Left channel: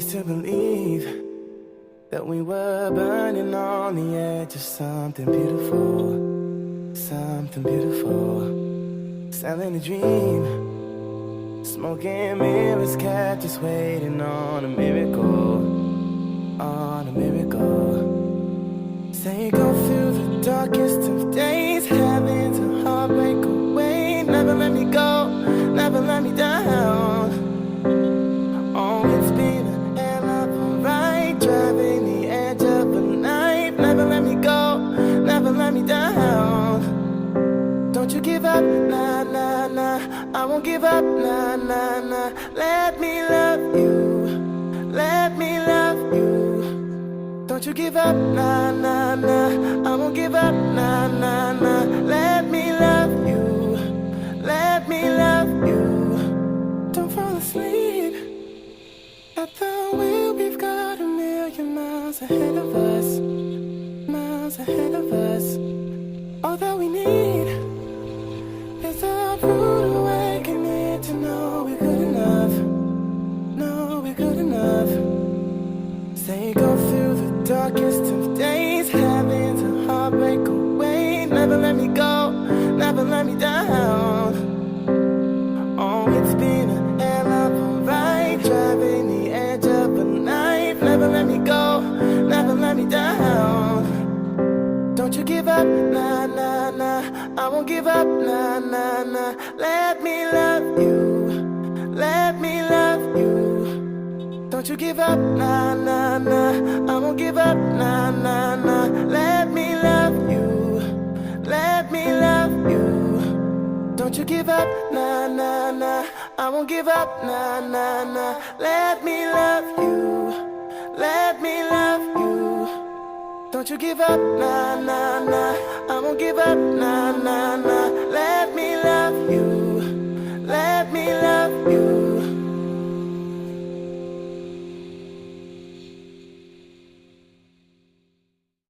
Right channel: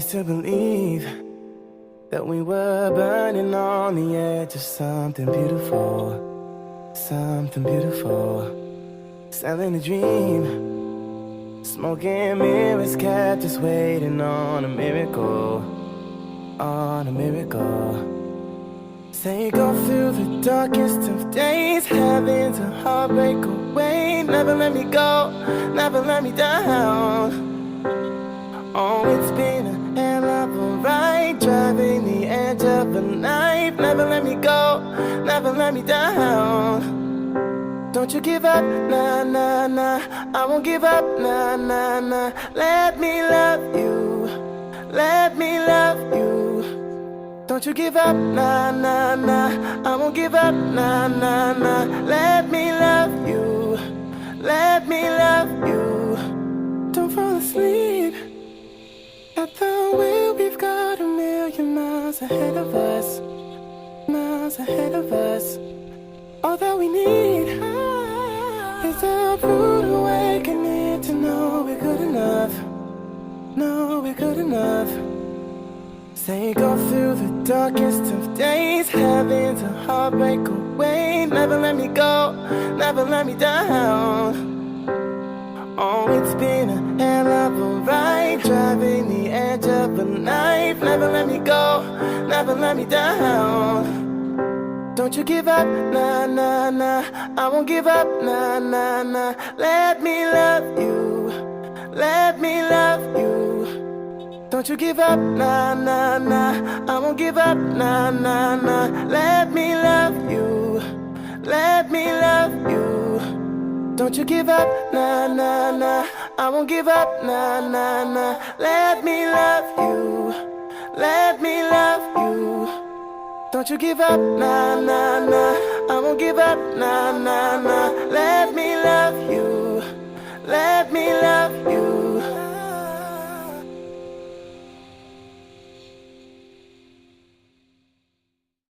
used to believe that we were burning on the edge of something beautiful, something beautiful. Selling a dream, smoking mirrors kept us waiting on a miracle, on a miracle. Say go through the darkest of days, having to heartbreak away. Never let me go, never let me down. Oh, it's been a hell of a ride, driving the edge of a knife. Never let me go, never let me down. Don't you give up, nah, nah, nah. I won't give up, nah, nah, nah. Let me love you, let me love you. Don't you give up, nah, nah, nah. I won't give up, nah, nah, nah. Let me love you, let me love you. Don't fall asleep at the wheel. We've got a million miles ahead of us, miles ahead of us. All that we need is a rude awakening to know we're good enough, know we're good enough. Say go through the darkest of days, having to heartbreak away. Never let me go, never let me down. Oh, it's been a hell of a ride, driving the edge of a knife. Never let me go, never let me down. Don't you give up, nah, nah, nah. I won't give up, nah, nah, nah. Let me love you, let me love you. Don't you give up, nah, nah, nah. I won't give up, nah, nah, nah. Let me love you, let me love you. Don't you give up, nah, nah, nah. I won't give up, nah, nah, nah. Let me love you, let me love you. Don't you give up, nah, nah, nah. I won't give up, nah, nah, nah. Let me love you, let me love you.